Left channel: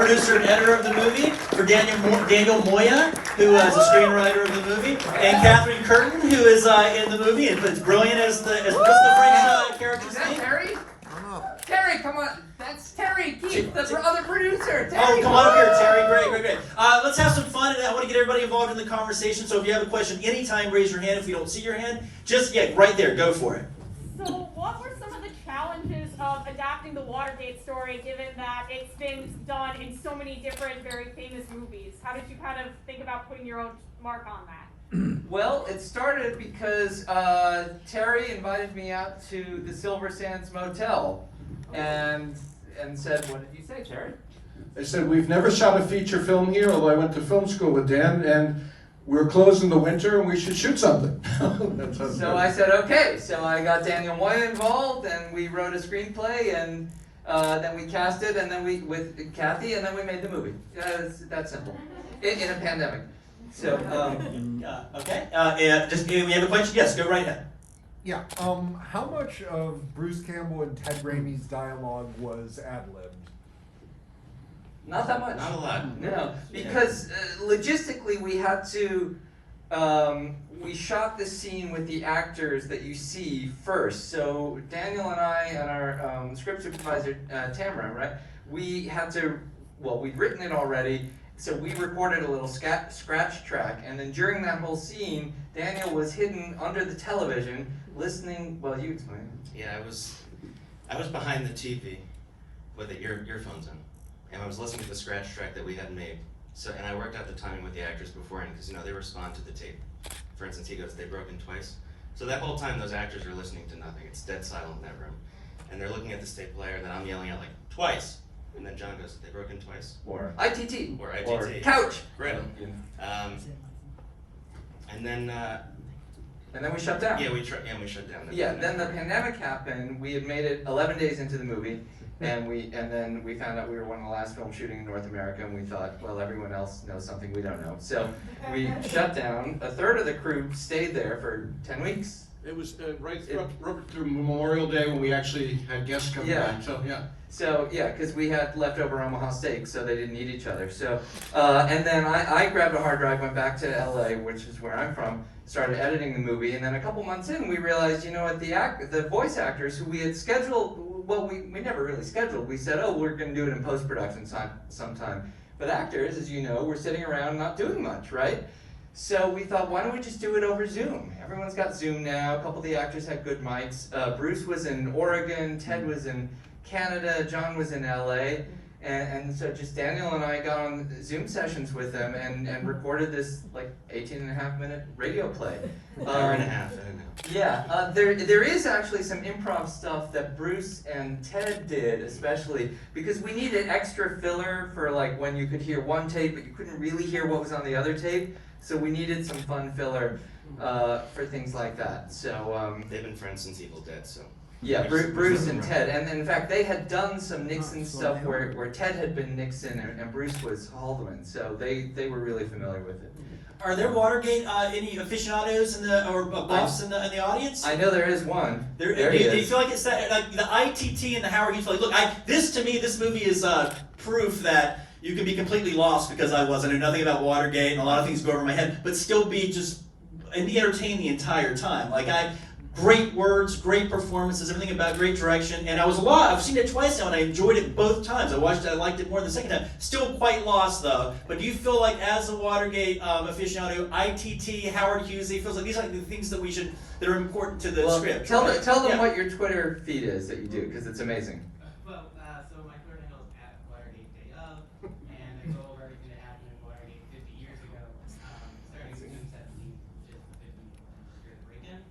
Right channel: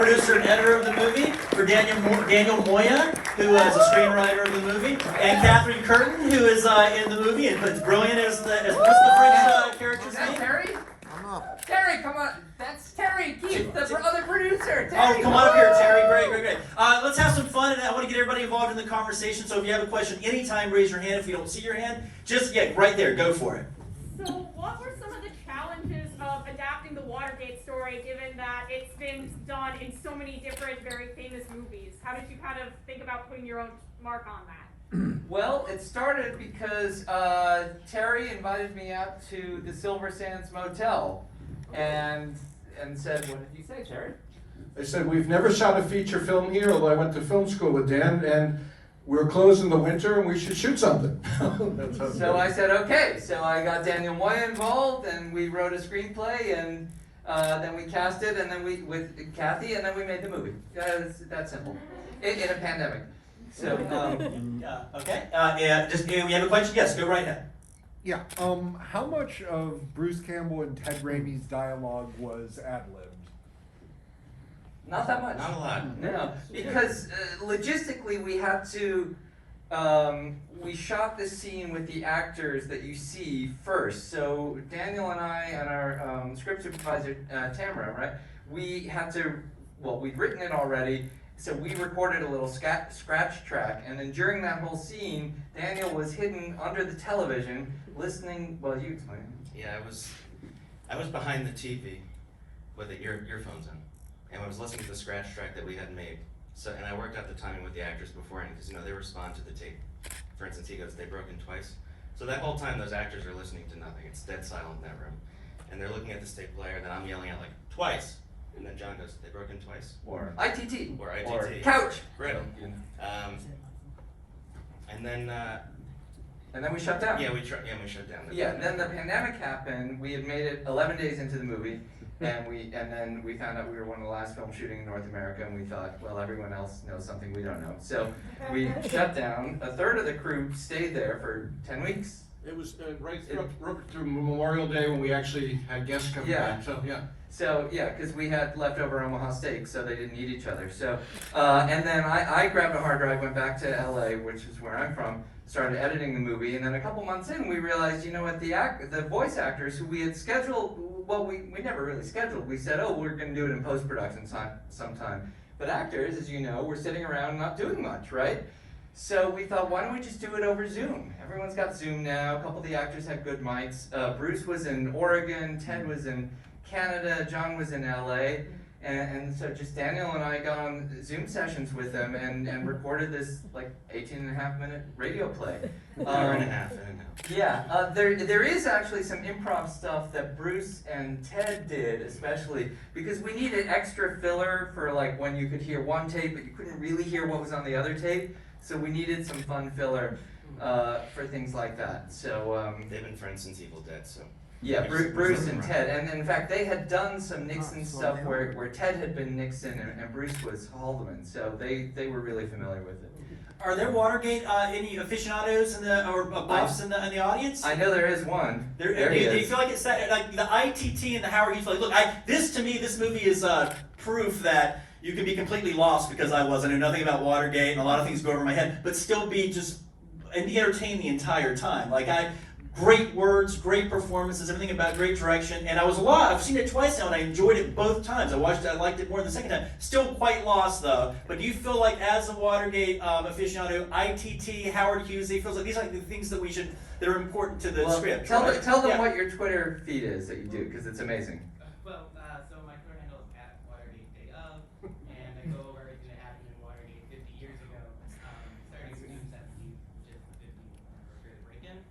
producer and editor of the movie, for Daniel Moya, who is a screenwriter of the movie, and Catherine Curtin, who is in the movie. It's brilliant as what's the French character's name? Terry? Terry, come on. That's Terry Keefe, the other producer. Terry, oh, come on up here, Terry. Great. Let's have some fun, and I want to get everybody involved in the conversation. So if you have a question anytime, raise your hand. If you don't see your hand, just, right there, go for it. So what were some of the challenges of adapting the Watergate story, given that it's been done in so many different, very famous movies? How did you kind of think about putting your own mark on that? Well, it started because Terry invited me out to the Silver Sands Motel and said, what did you say, Terry? I said, we've never shot a feature film here, although I went to film school with Dan, and we're closed in the winter and we should shoot something. So I said, okay. So I got Daniel Moya involved, and we wrote a screenplay, and then we cast it, and then with Kathy, and then we made the movie. It's that simple. In a pandemic. So, okay. And we have a question? Yes, go right ahead. Yeah. How much of Bruce Campbell and Ted Raimi's dialogue was ad-libbed? Not that much. Not a lot. No, because logistically we had to. We shot this scene with the actors that you see first. So Daniel and I and our script supervisor Tamara, right? We had to. Well, we'd written it already. So we recorded a little scratch track, and then during that whole scene, Daniel was hidden under the television, listening. Well, you explain. Yeah, I was behind the TV with the earphones in, and I was listening to the scratch track that we had made. So, and I worked out the timing with the actors beforehand because they respond to the tape. For instance, he goes, "They broke in twice." So that whole time, those actors are listening to nothing. It's dead silent in that room, and they're looking at the tape player. And then I'm yelling out like twice. And then John goes, "They broke in twice?" Or ITT. Or ITT. Or couch. Great. And then we shut down. we shut down. Yeah, then the pandemic happened. We had made it 11 days into the movie, and then we found out we were one of the last films shooting in North America, and we thought, well, everyone else knows something we don't know. So we shut down. A third of the crew stayed there for 10 weeks. It was right through Memorial Day when we actually had guests come back. So yeah, because we had leftover Omaha steak, so they didn't eat each other. So and then I grabbed a hard drive, went back to LA, which is where I'm from, started editing the movie, and then a couple months in, we realized, the voice actors who we had scheduled, well, we never really scheduled. We said, oh, we're going to do it in post-production sometime. But actors, as you know, were sitting around not doing much, right? So we thought, why don't we just do it over Zoom? Everyone's got Zoom now. A couple of the actors had good mics. Bruce was in Oregon, Ted was in Canada, John was in LA, and so just Daniel and I got on Zoom sessions with them and recorded this 18.5-minute radio play. Hour and a half. Yeah, there is actually some improv stuff that Bruce and Ted did, especially because we needed extra filler for when you could hear one tape but you couldn't really hear what was on the other tape. So we needed some fun filler for things like that. So they've been friends since Evil Dead, so. Yeah, Bruce and Ted, and in fact they had done some Nixon stuff where Ted had been Nixon and Bruce was Haldeman, so they were really familiar with it. Are there Watergate any aficionados or buffs in the audience? I know there is one. Do you feel like it's that the ITT and the Howard Hughes? Look, to me, this movie is proof that you can be completely lost because I wasn't, and nothing about Watergate, and a lot of things go over my head, but still be entertained the entire time. Great words, great performances, everything about great direction, and I've seen it twice now, and I enjoyed it both times. I liked it more the second time. Still quite lost though. But do you feel like, as a Watergate aficionado, ITT, Howard Hughes, he feels like these are the things that are important to the script? Tell them what your Twitter feed is that you do, because it's amazing. Well, so my Twitter handle is @WatergateDayOf, and I go over everything that happened in Watergate 50 years ago, starting with June 17th, which is the 50th great break-in.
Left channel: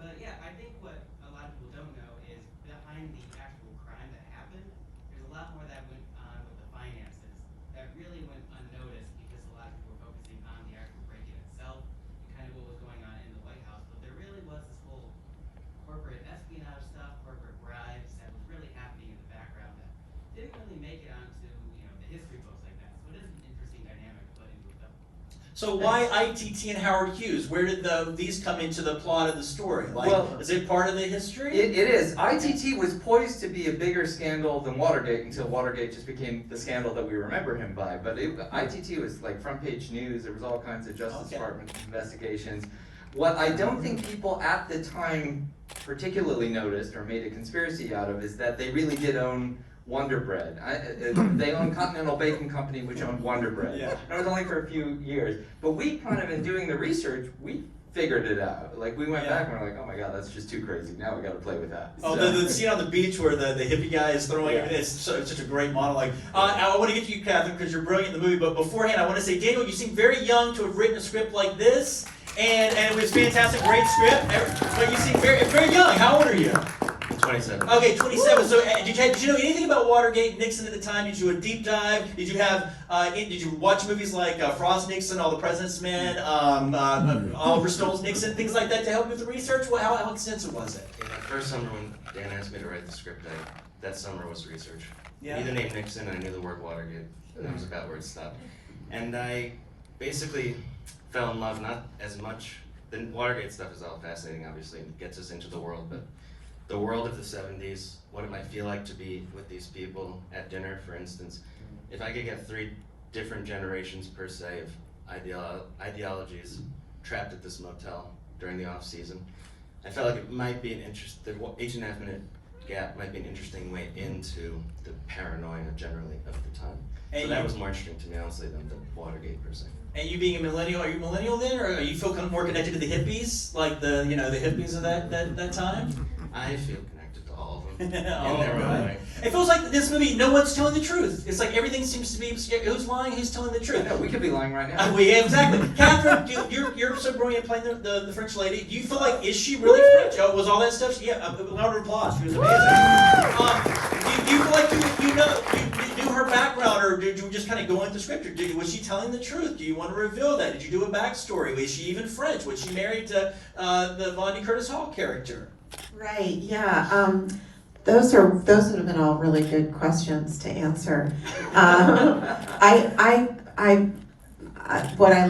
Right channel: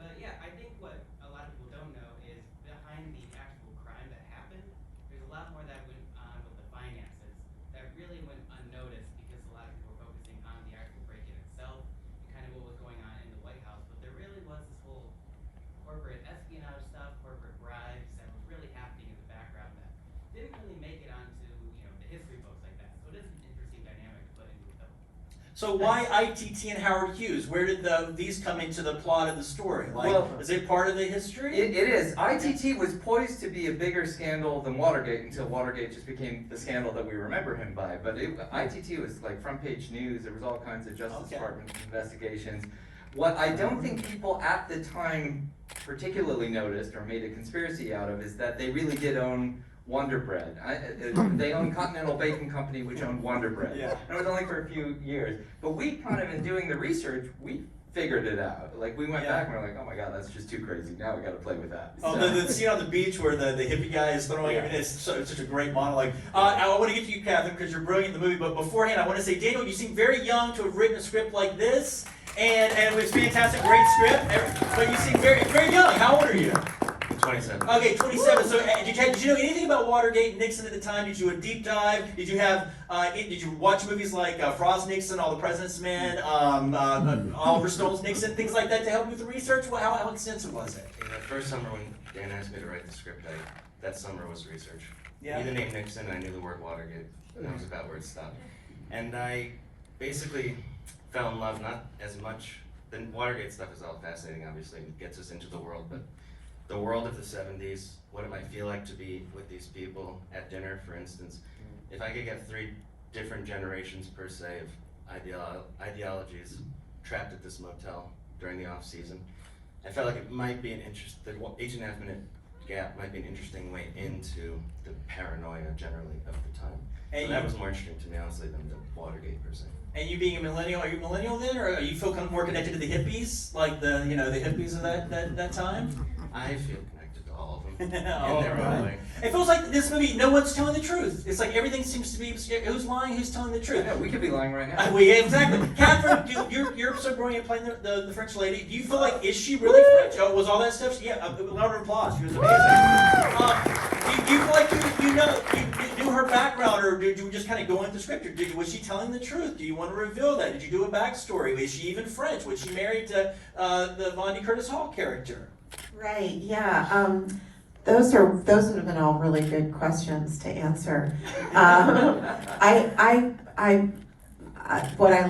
But yeah, I think what a lot of people don't know is behind the actual crime that happened, there's a lot more that went on with the finances that really went unnoticed because a lot of people were focusing on the actual break-in itself and kind of what was going on in the White House. But there really was this whole corporate espionage stuff, corporate bribes that was really happening So why ITT and Howard Hughes? Where did these come into the plot of the story? Like, Well, is it part of the history? It is. ITT was poised to be a bigger scandal than Watergate until Watergate just became the scandal that we remember him by. But ITT was like front page news. There was all kinds of Justice Department investigations. What I don't think people at the time particularly noticed or made a conspiracy out of is that they really did own Wonder Bread. They owned Continental Baking Company, which owned Wonder Bread. Yeah. And it was only for a few years. But we kind of, in doing the research, we figured it out. Like, we went back and we're like, oh my god, that's just too crazy. Now we gotta play with that. Oh, So- the scene on the beach where the hippie guy is throwing it's such a great monologue. I want to get to you, Catherine, because you're brilliant in the movie. But beforehand, I want to say, Daniel, you seem very young to have written a script like this, and it was fantastic, great script. But you seem very very young. How old are you? 27. Okay, 27. So did you know anything about Watergate and Nixon at the time? Did you do a deep dive? Did you have? Did you watch movies like Frost Nixon, All the President's Men, Oliver Stone's Nixon, things like that to help you with the research? How extensive was it? Yeah, that first summer when Dan asked me to write the script, that summer was research. Yeah. I knew the name Nixon, and I knew the word Watergate, and that was about where it stopped. And I basically fell in love, not as much, the Watergate stuff is all fascinating, obviously, and gets us into the world, but the world of the 70s, what it might feel like to be with these people at dinner, for instance. If I could get 3 different generations per se of ideologies trapped at this motel during the off season, I felt like it might be the 8.5 minute gap might be an interesting way into the paranoia generally of the time. And so that was more interesting to me, honestly, than the Watergate per se. And you being a millennial, are you millennial then, or are you feel kind of more connected to the hippies, like the hippies of that time? I feel connected to all of them Oh, in their own right. way. It feels like this movie, no one's telling the truth. It's like everything seems to be, who's lying, who's telling the I truth. know, we could be lying right now. Well, yeah, exactly. Catherine, you're so brilliant playing the French lady. Do you feel like, is she really French? Oh, was all that stuff? Yeah, a round of applause. She was amazing. Do you feel like you knew her background, or did you just kind of go into the script? Or was she telling the truth? Do you want to reveal that? Did you do a backstory? Was she even French? Was she married to the Von Curtis Hall character? Right, yeah. Those would have been all really good questions to answer. What I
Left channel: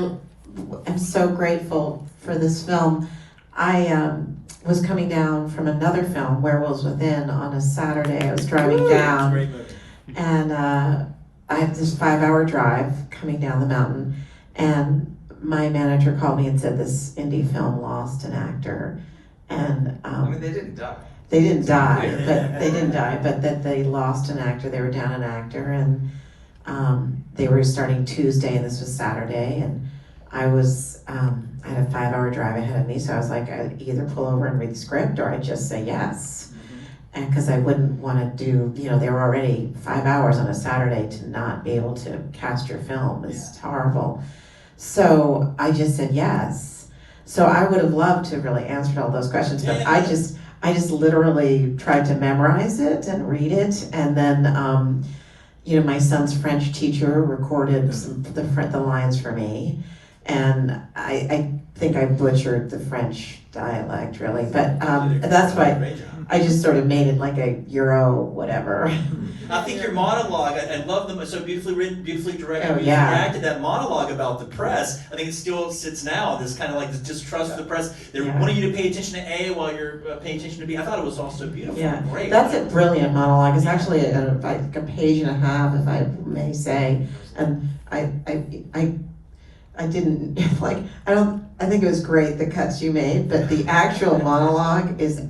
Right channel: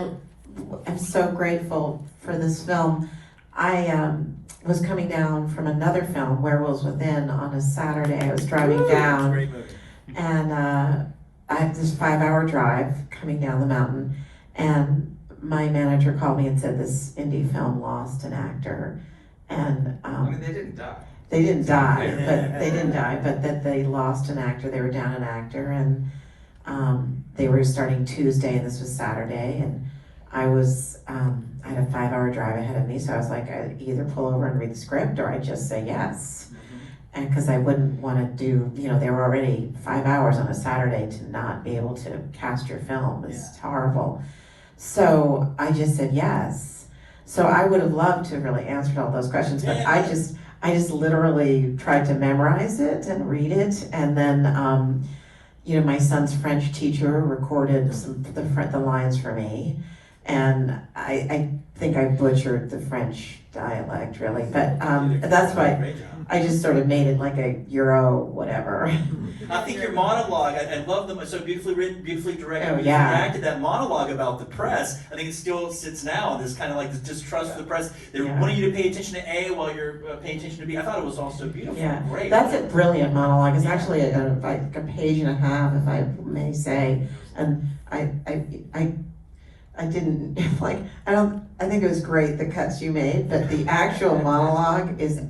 am so grateful for this film. I was coming down from another film, Werewolves Within, on a Saturday. I was driving down, Great movie. and I had this 5-hour drive coming down the mountain, and my manager called me and said this indie film lost an actor, and I mean, they didn't die. they didn't die, but that they lost an actor. They were down an actor, and they were starting Tuesday, and this was Saturday, and I had a 5-hour drive ahead of me, so I was like, I'd either pull over and read the script, or I'd just say yes. And because I wouldn't want to do, they were already 5 hours on a Saturday to not be able to cast your film is horrible. So I just said yes. So I would have loved to have really answered all those questions, but I just literally tried to memorize it and read it, and then my son's French teacher recorded the lines for me, and I think I butchered the French dialect really, but that's why I just sort of made it like a Euro whatever. I think your monologue, I love them. It's so beautifully written, beautifully directed, Oh, beautifully yeah. acted. That monologue about the press, I think it still sits now. This kind of like this distrust of the press. They're Yeah. wanting you to pay attention to A while you're paying attention to B. I thought it was also beautiful. Yeah, Great. that's a brilliant monologue. It's actually like a page and a half, if I may say. And I didn't I think it was great the cuts you made, but the actual monologue is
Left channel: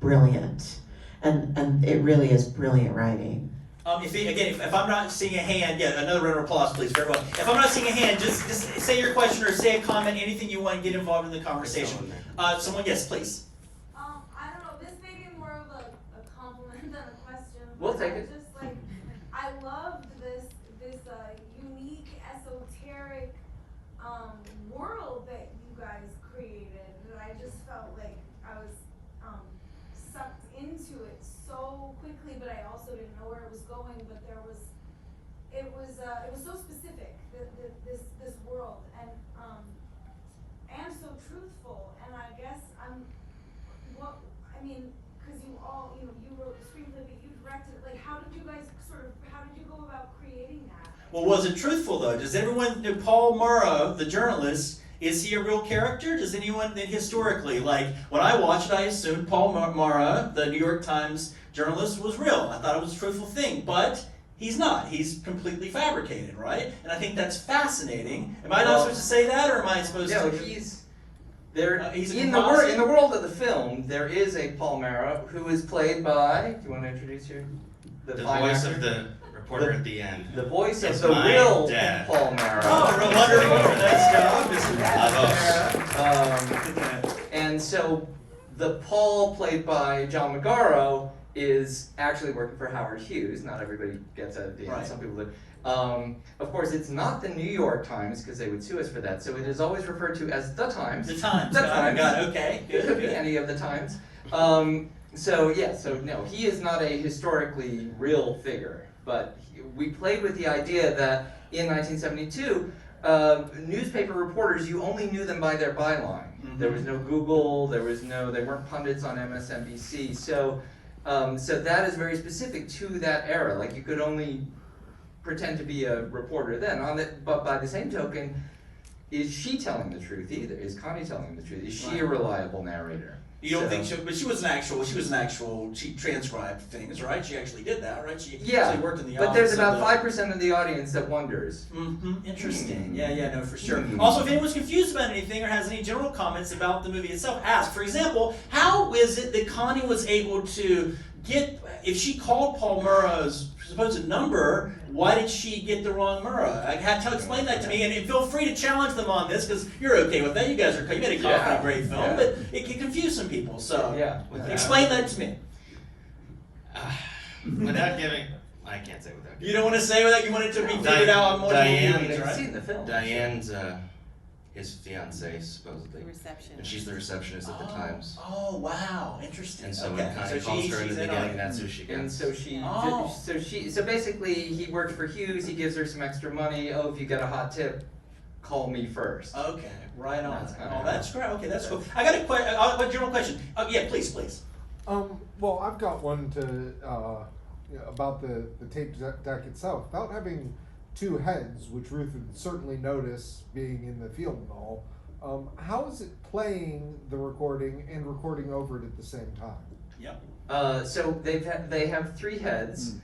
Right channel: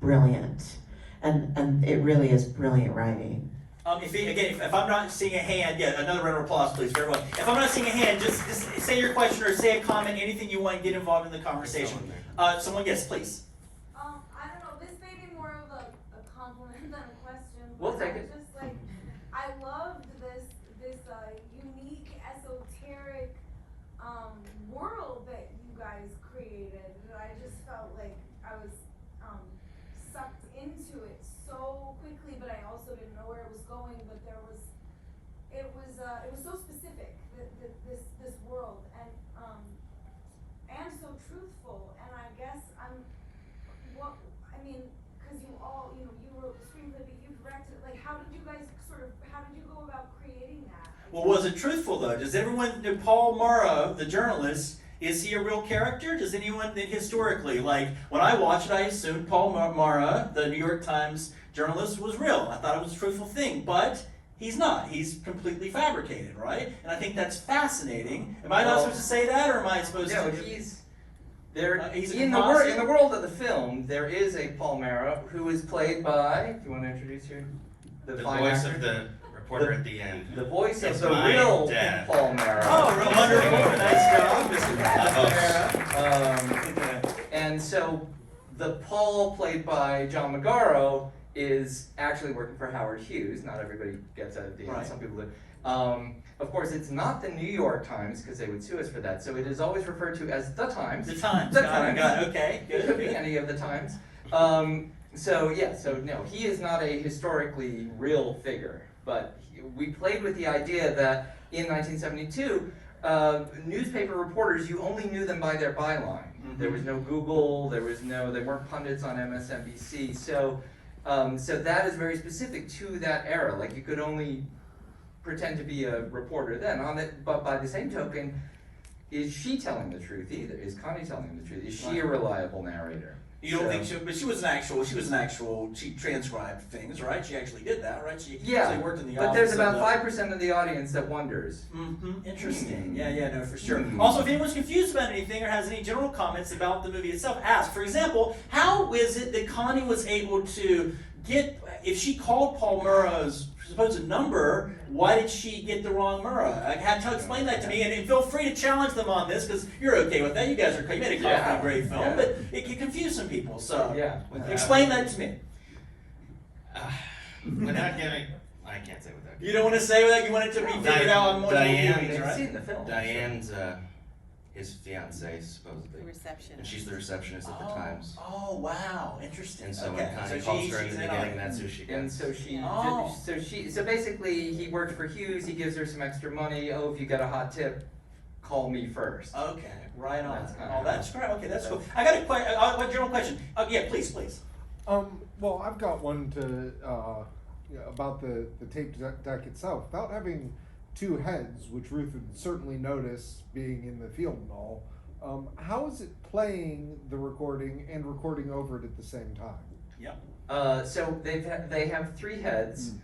brilliant, and it really is brilliant writing. If I'm not seeing a hand, another round of applause, please, for everyone. If I'm not seeing a hand, just say your question or say a comment, anything you want, get involved in the conversation. Someone, yes, please. I don't know, this may be more of a compliment than a question. We'll but take I it. Just like, I loved this unique, esoteric world that you guys created. And I just felt like I was sucked into it so quickly, but I also didn't know where it was going. But it was so specific, this world, and so truthful. And I guess because you wrote the screenplay, but you directed it. Like, how did you Well, was it truthful though? Does everyone know Paul Murrah, the journalist? Is he a real character? Does anyone think historically, like when I watched it, I assumed Paul Murrah, the New York Times journalist, was real. I thought it was a truthful thing, but he's not. He's completely fabricated, right? And I think that's fascinating. Am I not supposed to say that, or am I supposed No, to? he's there He's in the world of the film. There is a Paul Murrah who is played by. Do you want to introduce the The fine voice actor? of the reporter at the end. The voice It's of the my real dad. Paul Murrah. Oh, wonderful! Nice job, Mr. Murrah. And so the Paul played by John Magaro is actually working for Howard Hughes. Not everybody gets that at the end. Right. Some people do. Of course, it's not the New York Times because they would sue us for that. So it is always referred to as the Times. The Times. The Got it. Times. Got it. Okay. It could be Good. any of the Times. So no, he is not a historically real figure. But we played with the idea that in 1972, newspaper reporters, you only knew them by their byline. Mhm. There was no Google, they weren't pundits on MSNBC. So that is very specific to that era. Like you could only pretend to be a reporter then. But by the same token, is she telling the truth either? Is Connie telling the truth? Is she a reliable narrator? You don't think so? But she was an actual. She transcribed things, right? She actually did that, right? She Yeah, actually worked in the but office. there's about 5% of the audience that wonders. Mm-hmm. Interesting. Yeah, no, for sure. Mhm. Also, if anyone's confused about anything or has any general comments about the movie itself, ask. For example, how is it that Connie was able to get? If she called Paul Murrah's supposed number, why did she get the wrong Murrah? I have to explain that to me, and feel free to challenge them on this because you're okay with that. You guys are. You made a Yeah. great film, Yeah. but it can confuse some people. So Yeah. explain that to me. Without giving, I can't say without giving. You don't want to say that. You want it to be figured out on multiple Diane- viewings, You've right? seen the film. Diane's his fiance supposedly, The reception. and she's the receptionist at the Times. Oh wow, interesting. And so okay. when Connie calls her in she's the in on beginning, it. that's who she And gets. so basically he worked for Hughes, he gives her some extra money. Oh, if you got a hot tip, call me first. Okay, right on. That's kinda Oh, that's great. Okay, that's cool. that's- I got a general question. Yeah, please. Well, I've got one about the tape deck itself. Without having two heads, which Ruth would certainly notice being in the field and all, how is it playing the recording and recording over it at the same time? Yep. So they have 3 heads.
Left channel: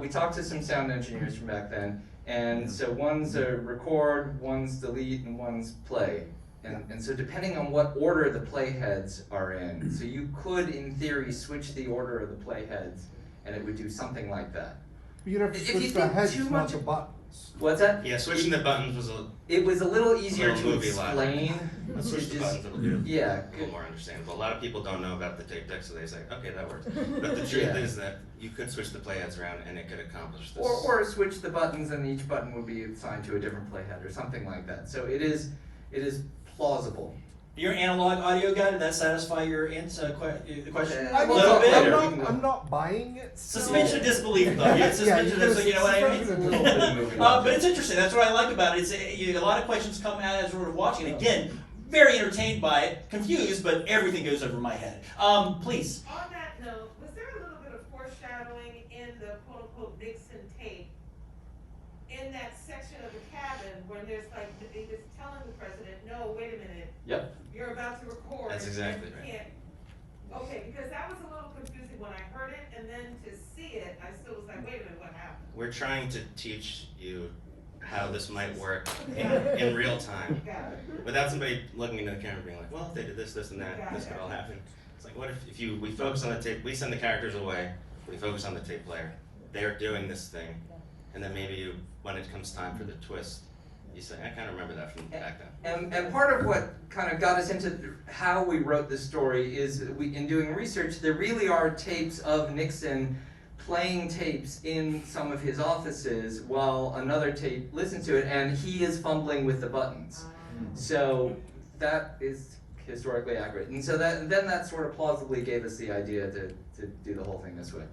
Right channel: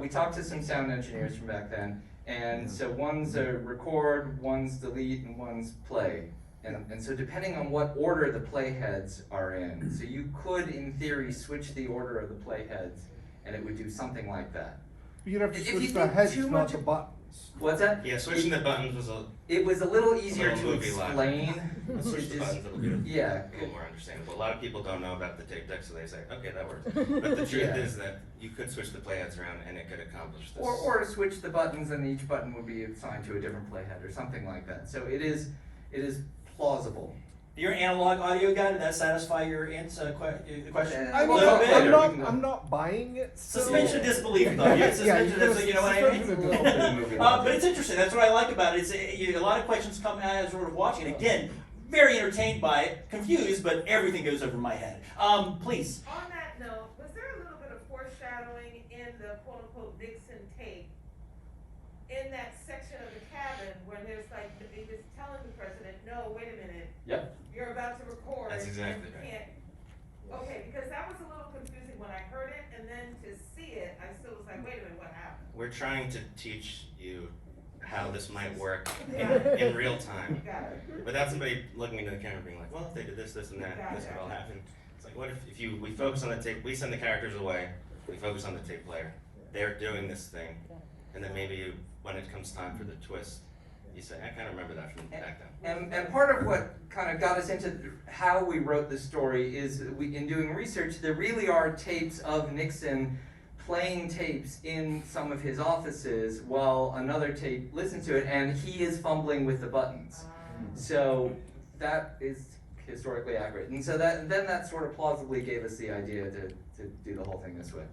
We talked to some sound engineers from back then, and so one's a record, one's delete, and one's play. And so depending on what order the play heads are in, so you could, in theory, switch the order of the play heads, and it would do something like that. You'd have to If you switch the think heads, too not much- the buttons. What's that? Yeah, switching the buttons was It was a little easier little to movie like. explain. switch the Just- buttons, it'll be a Yeah. little more understandable. A lot of people don't know about the tape deck, so they say, okay, that works. But the truth Yeah. is that you could switch the playheads around and it could accomplish this. Or switch the buttons and each button would be assigned to a different playhead or something like that. So it is plausible. You're an analog audio guy. Did that satisfy your question? I A will little talk bit. later. I'm not buying it. so- Suspension of disbelief, though. Yeah, suspension Yeah, of, you know what I mean? suspension of disbelief. Little bit of movie But it's interesting. That's what I like about it. It's a lot of questions come as we're watching. Again, very entertained by it, confused, but everything goes over my head. Please. On that note, was there a little bit of foreshadowing in the quote-unquote Nixon tape in that section of the cabin when there's like, it was telling the president, no, wait a minute, Yep. you're about to record. That's exactly and you right. can't-" Okay, because that was a little confusing when I heard it, and then to see it, I still was like, wait a minute, what happened? We're trying to teach you how this might work in real time. Got it. Without somebody looking into the camera being like, well, if they did this, this, and that, this could all happen. It's like, what if we focus on the tape, we send the characters away, we focus on the tape player. They're doing this thing, and then maybe when it comes time for the twist, you say, I kind of remember that from back then. And part of what kind of got us into how we wrote the story is in doing research, there really are tapes of Nixon playing tapes in some of his offices while another tape listens to it, and he is fumbling with the buttons. So that is historically accurate. And so that sort of plausibly gave us the idea to do the whole thing this way.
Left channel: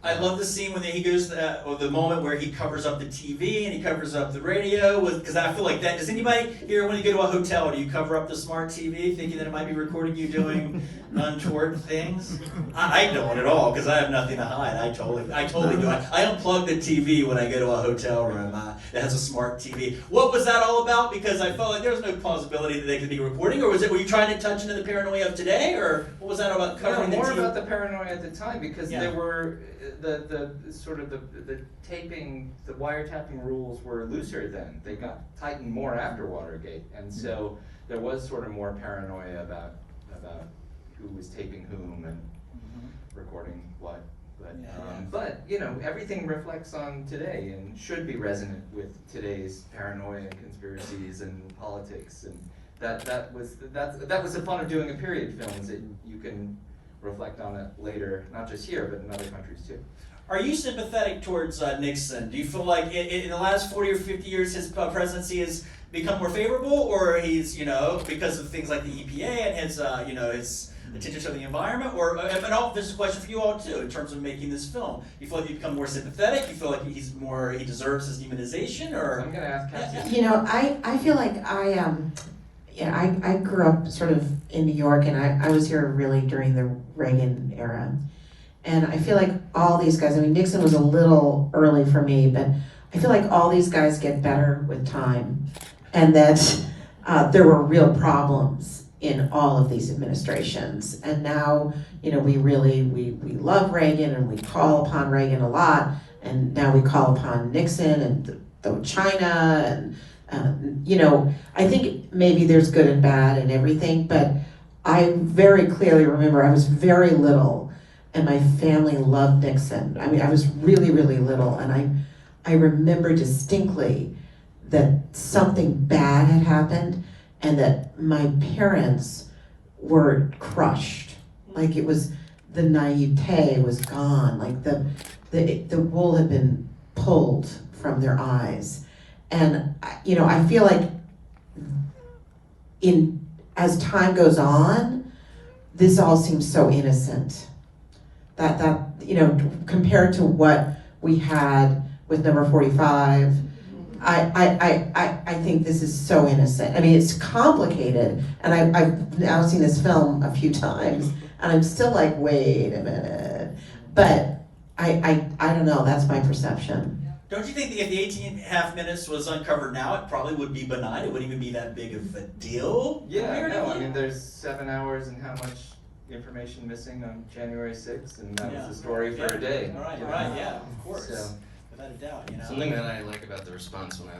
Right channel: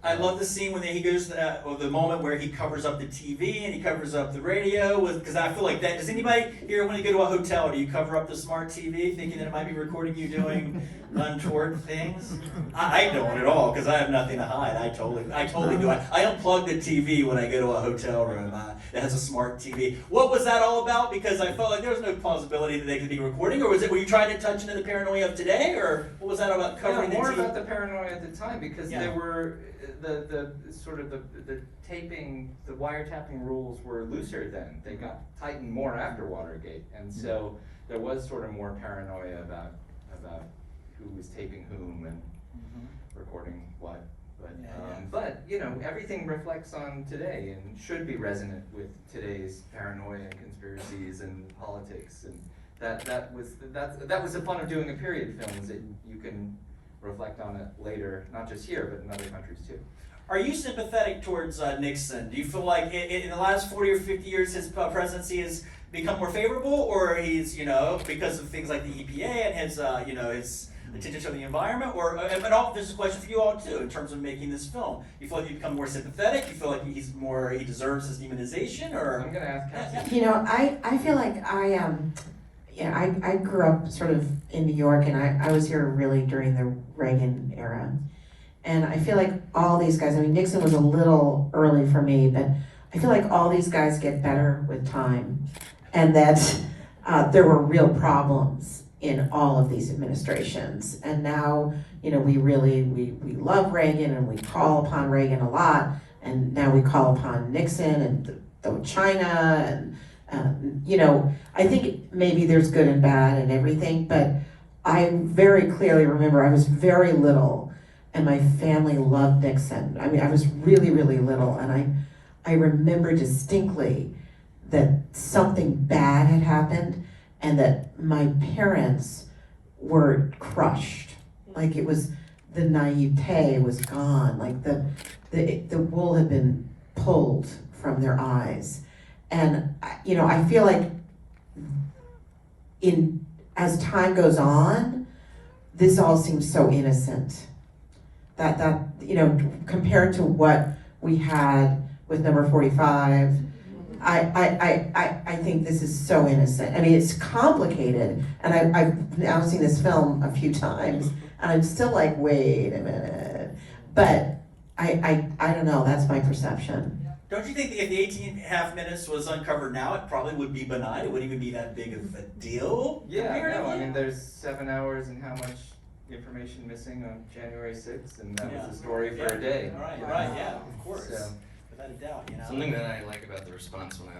I love the scene when he goes to that, or the moment where he covers up the TV and he covers up the radio because I feel like that. Does anybody here, when you go to a hotel, do you cover up the smart TV thinking that it might be recording you doing untoward things? I don't at all because I have nothing to hide. I totally do. I unplug the TV when I go to a hotel room that has a smart TV. What was that all about? Because I felt like there was no possibility that they could be recording, or were you trying to touch into the paranoia of today, or what was that about covering more the TV? about the paranoia at the time because Yeah. there were the sort of the taping, the wiretapping rules were looser then. They got tightened more after Watergate, and so there was sort of more paranoia about who was taping whom and recording what. But you know, everything reflects on today and should be resonant with today's paranoia and conspiracies and politics, and that was the fun of doing a period film, is that you can reflect on it later, not just here, but in other countries too. Are you sympathetic towards Nixon? Do you feel like in the last 40 or 50 years his presidency has become more favorable, or he's, because of things like the EPA and his, his attention to the environment, or, this is a question for you all too, in terms of making this film. You feel like you've become more sympathetic? You feel like he deserves his demonization, or? I'm gonna ask Cassie. I feel like I grew up sort of in New York, and I was here really during the Reagan era. And I feel like all these guys, Nixon was a little early for me, but I feel like all these guys get better with time. And that there were real problems in all of these administrations. And now, we love Reagan and we call upon Reagan a lot. And now we call upon Nixon and China and I think maybe there's good and bad and everything, but I very clearly remember I was very little and my family loved Nixon. I was really, really little, and I remember distinctly that something bad had happened and that my parents were crushed. Like it was, the naivete was gone, like the wool had been pulled from their eyes. And I feel like as time goes on, this all seems so innocent. That compared to what we had with number 45, I think this is so innocent. It's complicated, and I've now seen this film a few times, and I'm still like, wait a minute. But I don't know, that's my perception. Don't you think that if the 18.5 minutes was uncovered now, it probably would be benign? It wouldn't even be that big of a deal? Yeah, there's 7 hours and how much information missing on January 6th, and that was the story for a day. Right, yeah, of course. So, without a doubt, Something that I like about the response when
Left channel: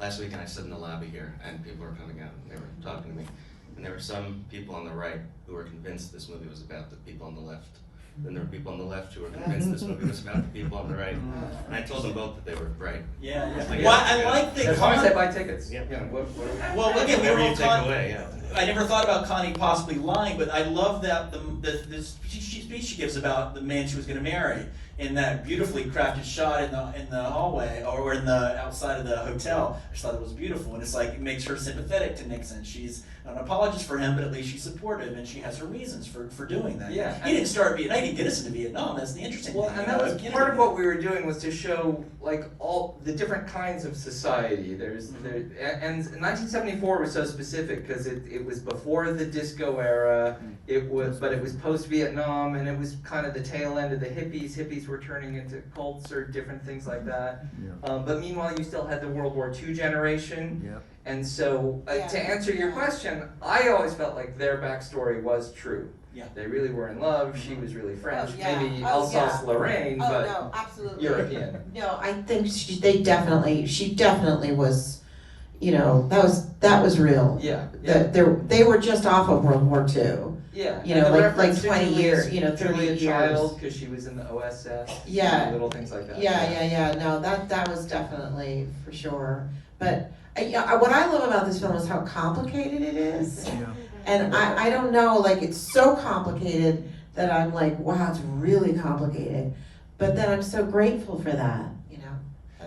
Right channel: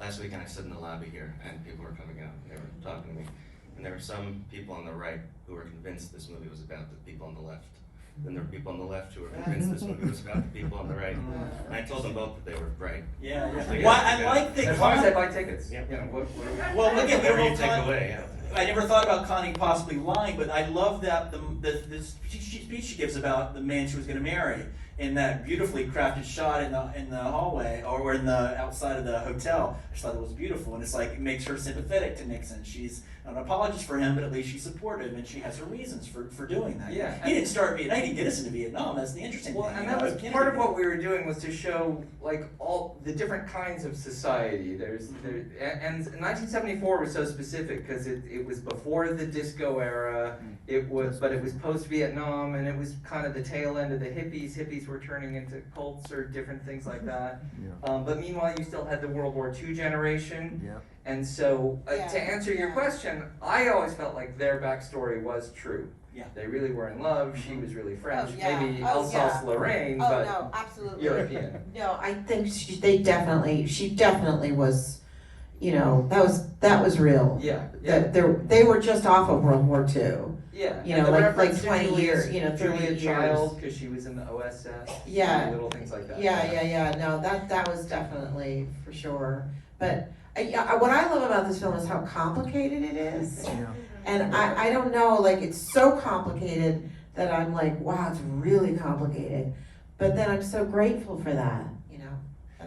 last weekend I stood in the lobby here and people were coming out and they were talking to me, and there were some people on the right who were convinced this movie was about the people on the left. Then there were people on the left who were convinced this movie was about the people on the right. And I told them both that they were right. Yeah. Well, I like that. As long as they buy tickets. Yeah. Well, again, whatever you take away, I never thought about Connie possibly lying, but I love that the speech she gives about the man she was going to marry in that beautifully crafted shot in the hallway or in the outside of the hotel. I just thought it was beautiful, and it's like it makes her sympathetic to Nixon. She's not an apologist for him, but at least she's supportive, and she has her reasons for doing that. Yeah. He didn't start Vietnam. He didn't get us into Vietnam. That's the interesting thing. And that was part of what we were doing, was to show like all the different kinds of society. And 1974 was so specific because it was before the disco era. But it was post-Vietnam, and it was kind of the tail end of the hippies. Hippies were turning into cults or different things like that. Yeah. But meanwhile, you still had the World War II generation. Yeah. And so, to answer your question, I always felt like their backstory was true. Yeah. They really were in love. She was really French, maybe Oh, yeah. Alsace-Lorraine, Oh, but no, absolutely. European. No, I think she definitely was, that was real. Yeah. They were just off of World War II. Yeah. You know, like 20 years, 30 Julia years. Child, because she was in the OSS. Yeah. Little things like that. Yeah. No, that was definitely for sure. But what I love about this film is how complicated it is. Yeah. And I don't know, like it's so complicated that I'm like, wow, it's really complicated. But then I'm so grateful for that,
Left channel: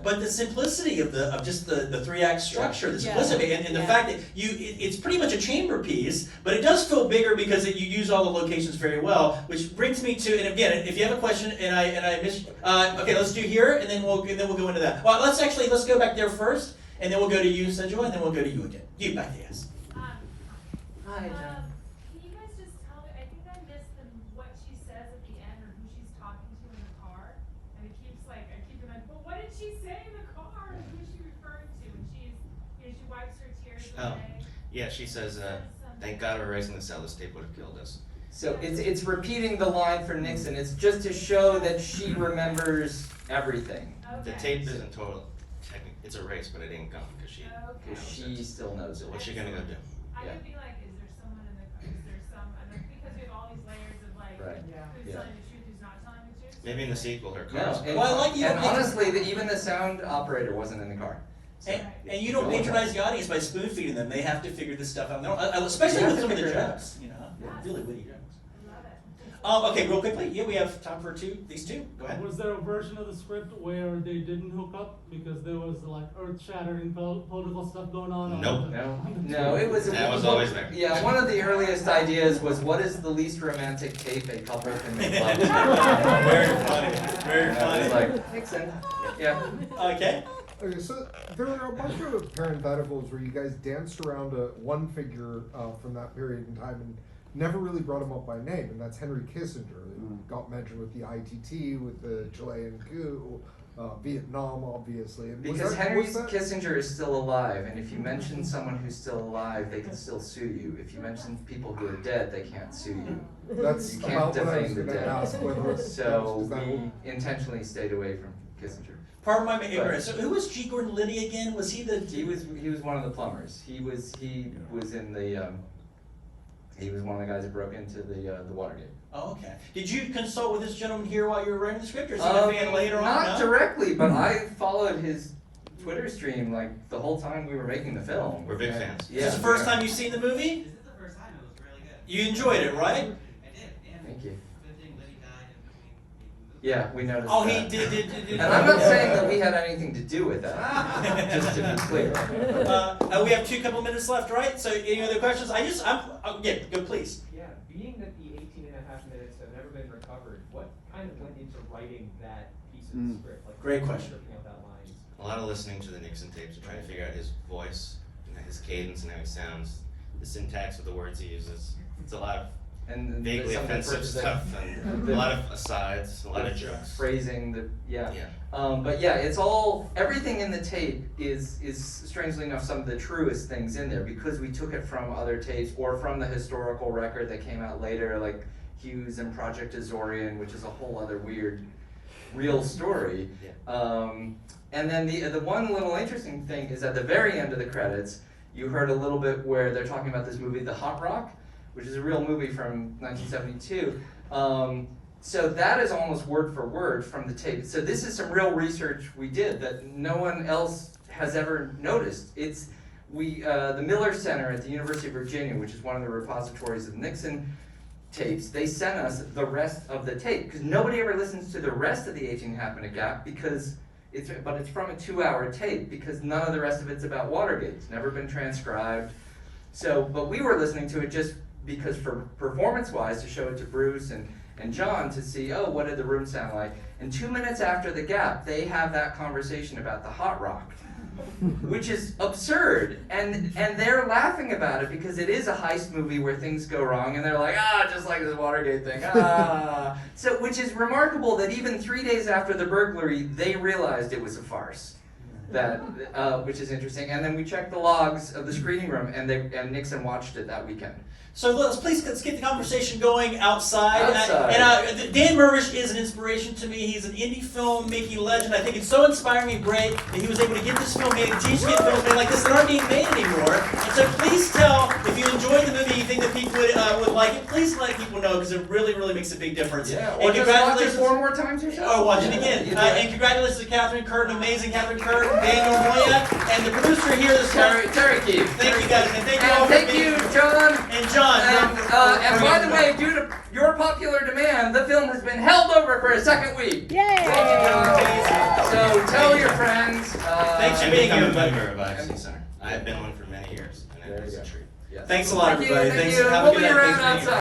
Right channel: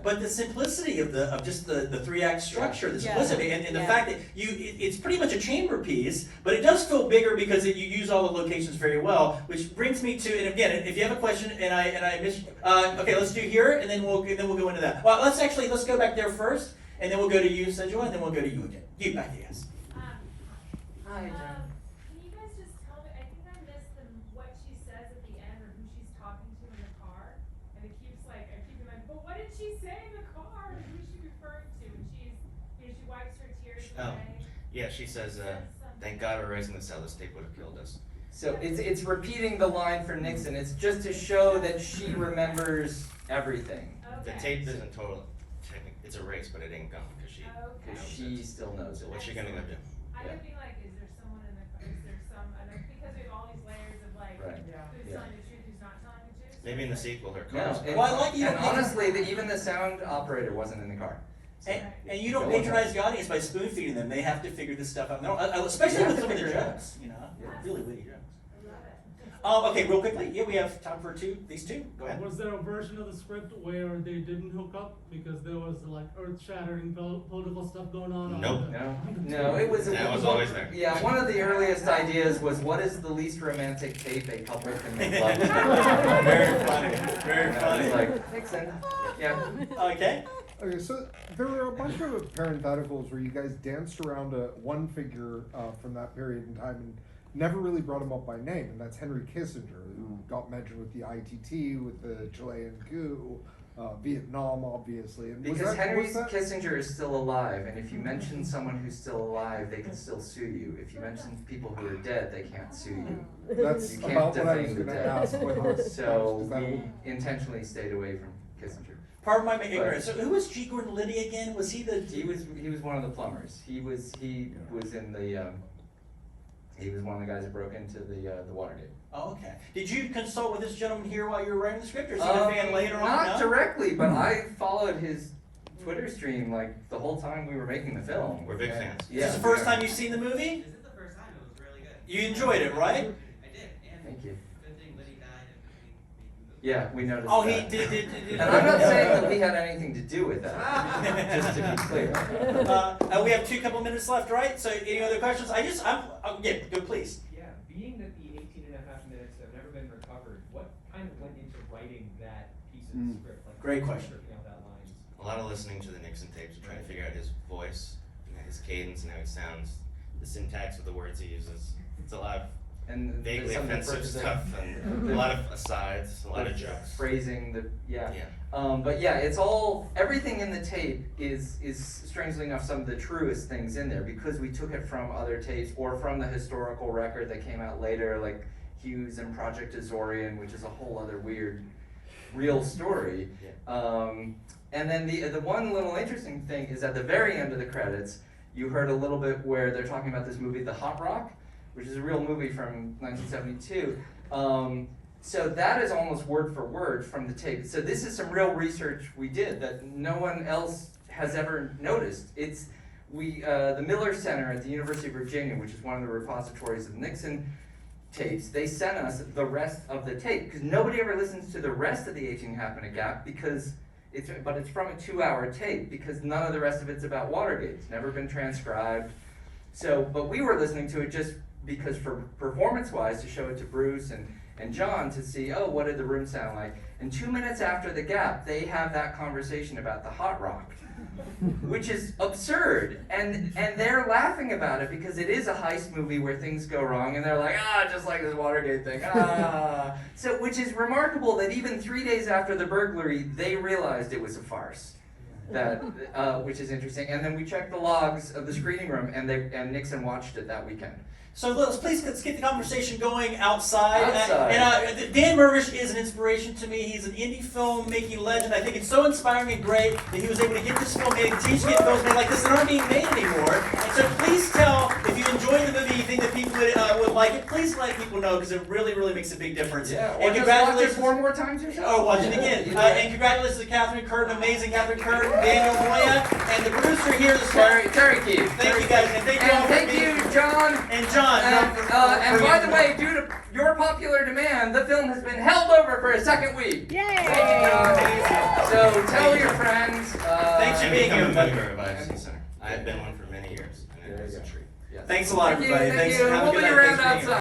but the simplicity of just the 3-act structure, the simplicity, and the fact that it's pretty much a chamber piece, but it does feel bigger because you use all the locations very well, which brings me to, and again, if you have a question and I missed, okay, let's do here, and then we'll go into that. Well, let's go back there first, and then we'll go to you, Sanjoy, and then we'll go to you again. You back, yes. Hi, Jen. Can you guys just tell me, I think I missed what she says at the end, or who she's talking to in the car, and it keeps I keep reminding, but what did she say in the car? Who is she referring to? And she wipes her tears Oh. away. Yeah, she says, thank God we're raising the cell. This tape would have killed us. So it's repeating the line from Nixon. It's just to show that she remembers everything. The tape isn't total. It's a race, but it ain't gone because she. Because she still knows it. What's she gonna go do? I could be like, is there someone in the car? Is there some, because we have all these layers of Right. who's telling the truth, who's not telling the truth? Maybe in the sequel, her No, car's. and, Well, I like you. and honestly, even the sound operator wasn't in the car. And you don't patronize the audience by spoon feeding them. They have to figure this stuff out. Especially with some of the jokes, really witty jokes. Okay, real quickly. Yeah, we have time for these two. Go ahead. Was there a version of the script where they didn't hook up because there was earth-shattering political stuff going on? Nope. No, it was. That was always there. Yeah, one of the earliest ideas was, what is the least romantic tape a couple can make love to? Very funny. Very And I funny. was like, Nixon. Yeah. Okay. Okay, so there were a bunch of parentheticals where you guys danced around one figure from that period in time and never really brought him up by name, and that's Henry Kissinger, who got mentioned with the ITT, with the Chilean coup, Vietnam, obviously. And Because Henry Kissinger is still alive, and if you mention someone who's still alive, they can still sue you. If you mention people who are dead, they can't sue you. That's You can't about what I was defame the going to dead. ask. Whether So is that we what- intentionally stayed away from Kissinger. Pardon my ignorance. So who was G. Gordon Liddy again? Was he the? He was one of the plumbers. He was in the he was one of the guys that broke into the Watergate. Oh, okay. Did you consult with this gentleman here while you were writing the script, or is he a fan later on? Not No? directly, but I followed his Twitter stream the whole time we were making the film. We're big And- fans. Yeah. Is this the first time you've seen the movie? This is the first time, it was really good. You enjoyed it, right? I did, and Thank you. good thing Liddy died and Yeah, we noticed. Oh, that. he did. And I'm not saying that we had anything to do with that. Just to be clear. We have couple minutes left, right? So, any other questions? Yeah, go please. Yeah, being that the 18.5 minutes have never been recovered, what kind of went into writing that piece of the script? Great question. Out lines? A lot of listening to the Nixon tapes to try to figure out his voice, his cadence, and how he sounds, the syntax of the words he uses. It's a lot of And vaguely some of the offensive first stuff, and a lot of asides, a lot of jokes. Phrasing, Yeah. but yeah, it's everything in the tape is strangely enough some of the truest things in there because we took it from other tapes or from the historical record that came out later, like Hughes and Project Azorian, which is a whole other weird, real story. Yeah. And then the one little interesting thing is at the very end of the credits, you heard a little bit where they're talking about this movie, The Hot Rock, which is a real movie from 1972. So that is almost word for word from the tape. So this is some real research we did that no one else has ever noticed. It's the Miller Center at the University of Virginia, which is one of the repositories of Nixon tapes, they sent us the rest of the tape because nobody ever listens to the rest of the 18.5 minute gap because it's from a 2-hour tape because none of the rest of it's about Watergate. It's never been transcribed. So, but we were listening to it just because for performance-wise to show it to Bruce and John to see, oh, what did the room sound like? And 2 minutes after the gap, they have that conversation about the Hot Rock, which is absurd. And they're laughing about it because it is a heist movie where things go wrong, and they're like, just like this Watergate thing, So, which is remarkable that even 3 days after the burglary, they realized it was a farce. That, which is interesting. And then we checked the logs of the screening room, and Nixon watched it that weekend. So let's get the conversation going outside. Outside. And Dan Mirvish is an inspiration to me. He's an indie film making legend. I think it's so inspiring and great that he was able to get this film made, continue to get films made like this that aren't being made anymore. And so please tell, if you enjoyed the movie, you think that people would like it, please let people know because it really, really makes a big difference. Yeah, And or just watch it 4 more times yourself. Oh, watch it again. And congratulations to Catherine Curtin, amazing Catherine Curtin, Daniel Moya, and the producer here this morning. Terry Keefe. Thank you guys, and thank you all And for thank being you, John. And And John, And by the way, due to your popular demand, the film has been held over for a second week. Yay! So tell your friends. Thanks for I'm being becoming here, a buddy. member of IFC Center. I've been one for many years, and it is a treat. Thanks a lot, Thank you, everybody. thank Thanks. you. Have a We'll good be night. around Thanks for being here. outside.